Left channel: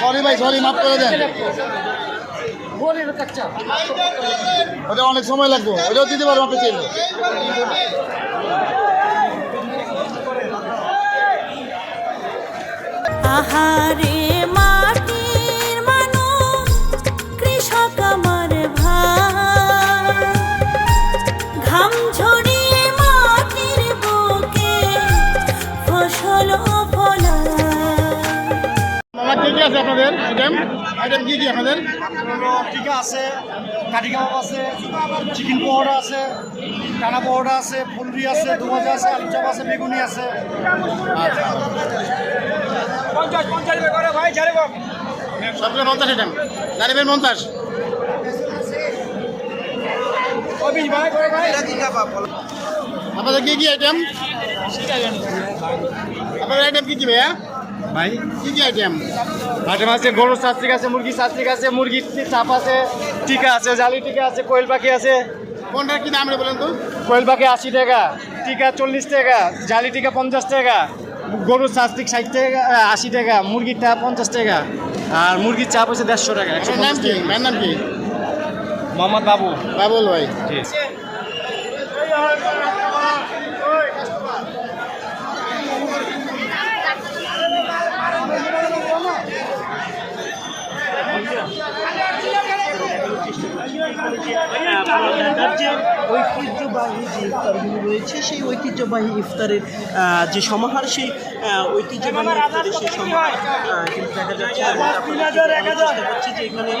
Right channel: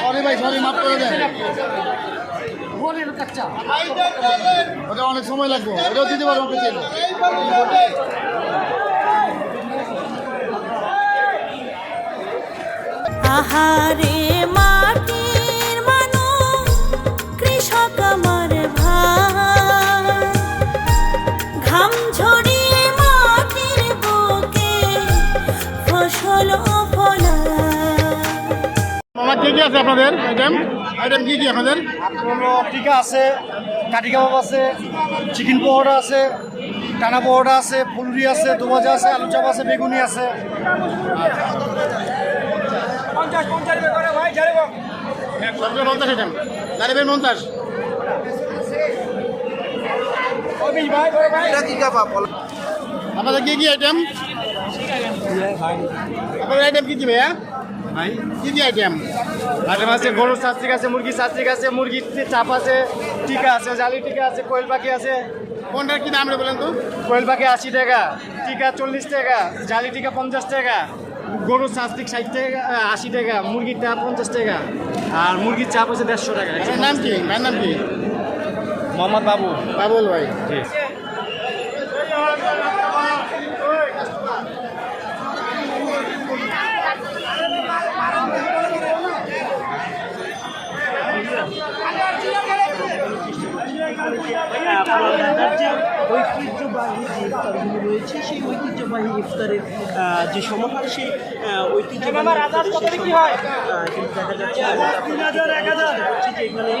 Sorry ভাই, sorry, মাফ করে দেন। ওটা অনেক সময় লাগবে, ওটাও দিতে পারবো আপনি চাইলে। আহারে মাটির মানুষ কৃষক আমার ভাই, ঘাম ঝরিয়ে মাটির বুকে ফসল ফলায়। মামা কি কি আছে আপনাদের আইটেম? আইটেম কি কি আপনাদের? টিকা আছে, কাঠি কাবাব আছে, চিকেন পকোড়া আছে, টানা পকোড়া আছে, ফুলরি আছে, দুভাজা আছে, আলু চাপ আছে, বেগুনি আছে। সবগুলো 50 আইটেম, গাড়িবের 50। আপনাদের কি কি আইটেম? আপনাদের আইটেম কি কি ভাইয়া? ভাই কি কি আইটেম? আইটেম আছে গরুর শাস্ত্রিক আছে, মুরগির শাস্ত্রিক আছে, মুরগির চাপ আছে, টিকা আছে, জালি টিকা আছে, কোয়েল পাখি আছে। কোনটার কি দাম রে বলেন তো? কোয়েল পাখি 80 টাকা, টিকা 40 টাকা, জালি টিকা 50 টাকা, গরুর শাস্ত্রিক 60 টাকা 80 টাকা, মুরগির চাপ 50 টাকা, আর মুরগির চাপ হচ্ছে 150 টাকা। আপনার নাম কি? ভাইয়ের নাম কি? মোহাম্মদ বাবু। বাবুল ভাই। ঢাকার যে ঐতিহ্যবাহী যে ইফতারগুলো রয়েছে সেই ঐতিহ্যবাহী ইফতারের যে সমাহার সেই ঐতিহ্যবাহী ইফতারের সেই সমাহার কিন্তু দেখা যাচ্ছে যেমনটা আপনাদের আমি চেষ্টা করছি যে এখানে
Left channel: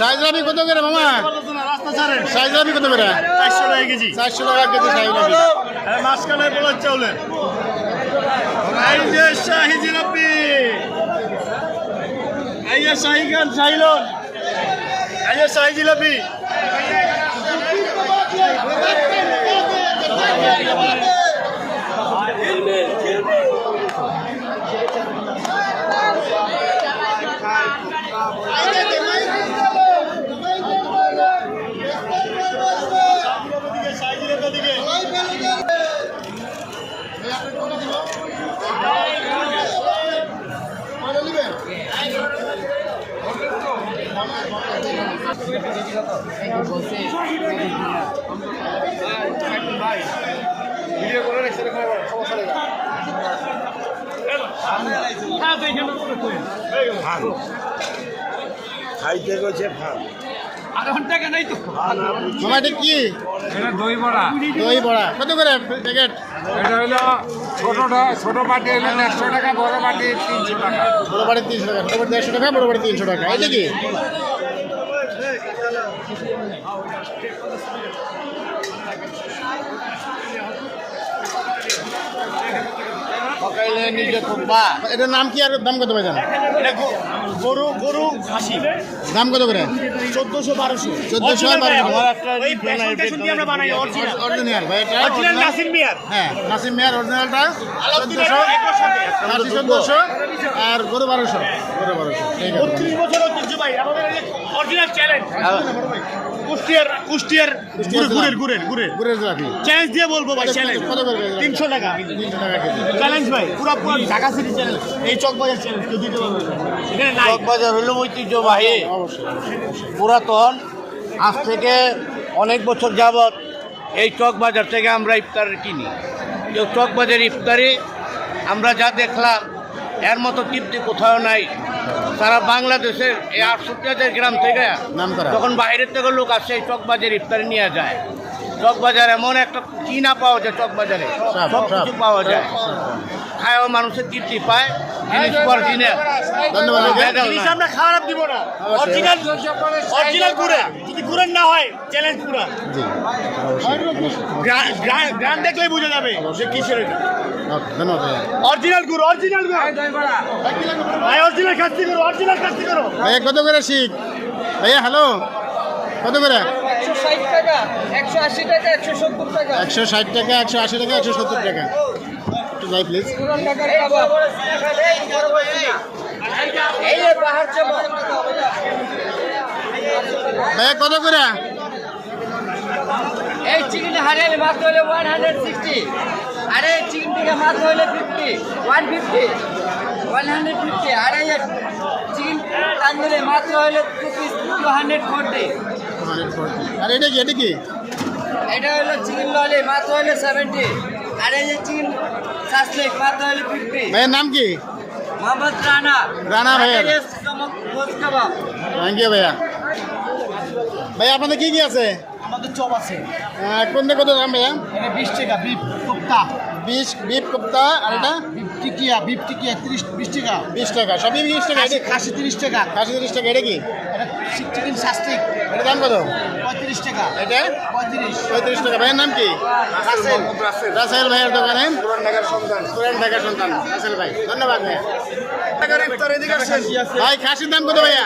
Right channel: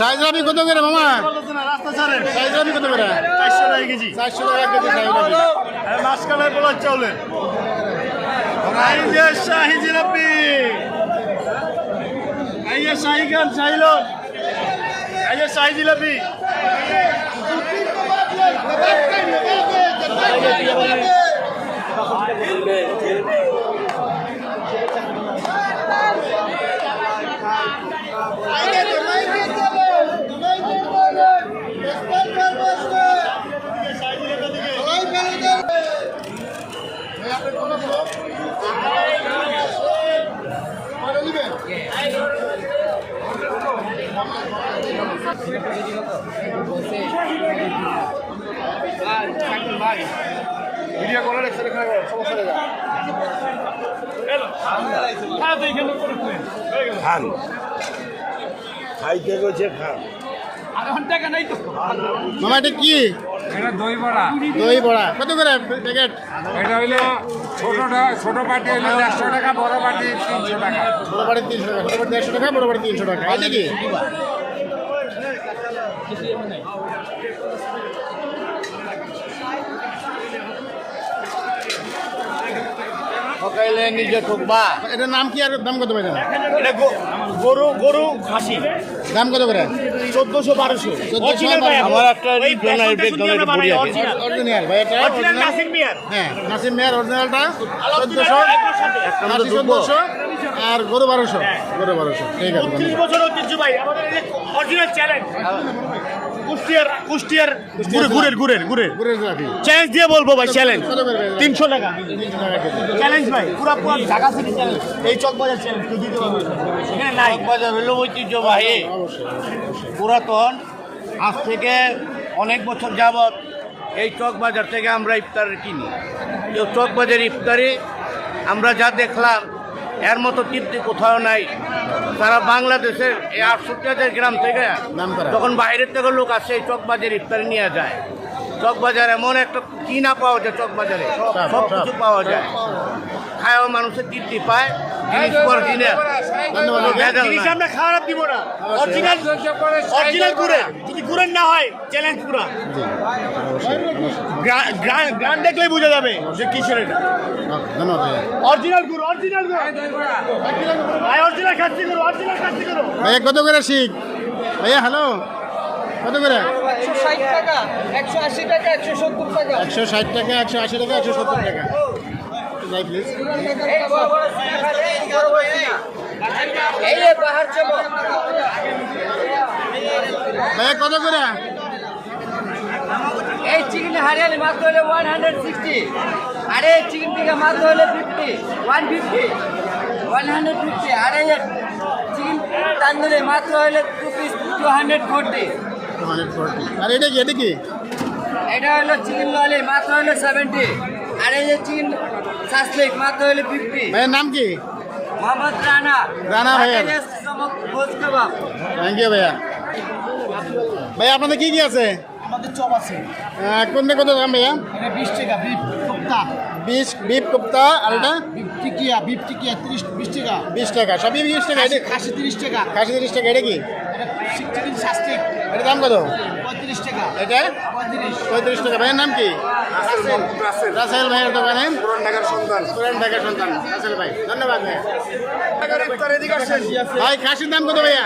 সাইজরাবি কত করে মামা? সাইজরাবি কত করে? 400 টাকা কেজি। 400 টাকা কেজি সাইজরাবি। মাঝখানে পোলার চাউলের এই যে শাহি জিলাপি, এই যে শাহিগঞ্জ শাহিলন, এই যে শাহি জিলাপি। মামা এটা কি? এটা দই বড়া। দই বড়া কত করে প্যাকেট? এটা হইলো ছোট পাটি হইলো 150 টাকা, বড় পাটি 300 টাকা। বড় বাড়ি 300 টাকা, ছোট বাড়ি 150 টাকা, বড় বাড়ি 300 টাকা। এটা কি? এটার নাম কি আর দাম কত ভাই? গরু গরু খাসি দাম কত করে? 1400 1200। 1400 আর 1200। আমার একটা অরিজিনাল ভাই, এটা নাসির মিয়ার। হ্যাঁ, নাসিম মেয়ার অরিজিনালটা 1400 আর গরু 1200। গরু 1200। ঠিক আছে। 30 বছর ঐতিহ্য ভাই, আমাদের অরিজিনাল চ্যালেঞ্জ। কুষ্টিয়ার গুড়ের জিলাপি চ্যালেঞ্জ দিয়ে বলবো ভাই, চ্যালেঞ্জ কত করে? 300 টাকা 300 টাকা কেজি। চ্যালেঞ্জ ভাই, পুরো ঢাকা সিটি চ্যালেঞ্জ। এই চকবাজার চ্যালেঞ্জ কেউ দিতে পারবে না। চকবাজার হলো ঐতিহ্যবাহী অবশ্যই। পুরাতন, আজ থেকে অনেক বছর যাবৎ এই চকবাজার থেকে আমরা ইফতার কিনি। তো চকবাজার ইফতারি আমরা যা দেখলাম এর মতো তৃপ্তি কোথাও নাই। সারা বাংলাদেশের এই 68,000 গ্রাম থেকে নামকরা। যখন বাইরের থেকে লোক আসে এই চকবাজার ইফতারি নিয়ে যায়। চকবাজার এমন একটা কি না পাওয়া যায়, চকবাজারে সব কিছু পাওয়া যায়। খায়ও মানুষের তৃপ্তি পায়, জিনিস অরিজিনাল, ধন্যবাদ। ভেজাল নাই। আমরা খারাপ দিব না, অরিজিনাল অরিজিনাল গুড়ে, যদি গুড়ের না হয় চ্যালেঞ্জ পুরো গ্রাম দেখলেই বোঝা যাবে যে কিশোরের ধন্যবাদ ভাইয়া। অরিজিনাল গুড়, অরিজিনাল গুড় ভাই, অরিজিনাল কাস্তি করো, অরিজিনাল কাস্তি করো। ভাইয়া কত করে শিখ? ভাইয়া হ্যালো, কত করে? 160 টাকা, 180 টাকা, 170 টাকা। 160 টাকা, 180 টাকা, 170 টাকা। একটু যাই প্লিজ। এই বাহার চমক ভাইয়া কত করে? এই চিকেন হারিয়ালি মাত্র হলে 160, আরে চিকেন টিকা মাত্র হলে 50, 150, 150, আরে চিকেন তান্দুরি মাত্র হলে 240। 240। আর এটা কি, এটা কি? এটা হলো চিকেন ললি মাত্র হলে 70, আর এই যে চিকেন সাসলিক মাত্র হলে 50। ভাইয়ের নাম কি? মোহাম্মদ রানা, রানা ভাইয়া। চমক গোস কাবাব। থ্যাংক ইউ ভাইয়া। ভাইয়া আপনাদের কি কি আছে? আমাদের চপ আছে, কোনটা কত দাম ভাইয়া? এটা 20 টাকা, বিফ কোপ্তা, বিফ কোপ্তা। আর এটা বিফ টিকিয়া 20 টাকা, 20 টাকা। সবই 20 টাকা। এটা খাসি 30 টাকা, খাসি 30 টাকা। এটা কি? এটা চিকেন সাসলিক এটার দাম কত? 35 টাকা, এটা 35 টাকা। ভাইয়ের নাম কি? রাসেল ভাইয়ের দোকানে পুরান ঢাকার সন্তান রাসেল ভাই, ধন্যবাদ ভাইয়া। ভাই খাসির দাম কত ভাইয়া?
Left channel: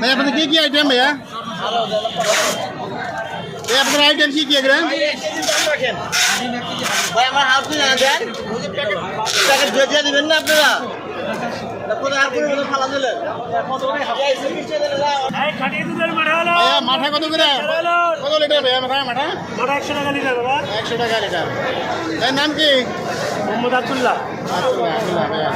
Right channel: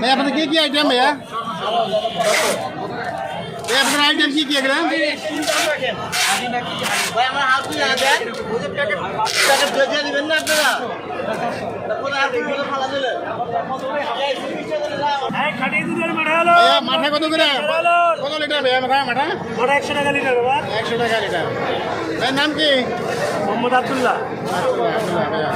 ভাই আপনাদের কি কি আইটেম ভাইয়া? ভাই আপনাদের আইটেম কি কি এগুলো? ভাই আমার হাত দিয়ে না দেয়, ওই যে প্যাকেট ভেজে দিবেন না আপনারা, ভাইয়া মাথা কত করে? কত লিটার ভাইয়া মাথা? 100 টাকা লিটার বাবা। 100 টাকা লিটার। ভাই নাম কি? মোহাম্মদ আব্দুল্লাহ। আব্দুল্লাহ ভাইয়া।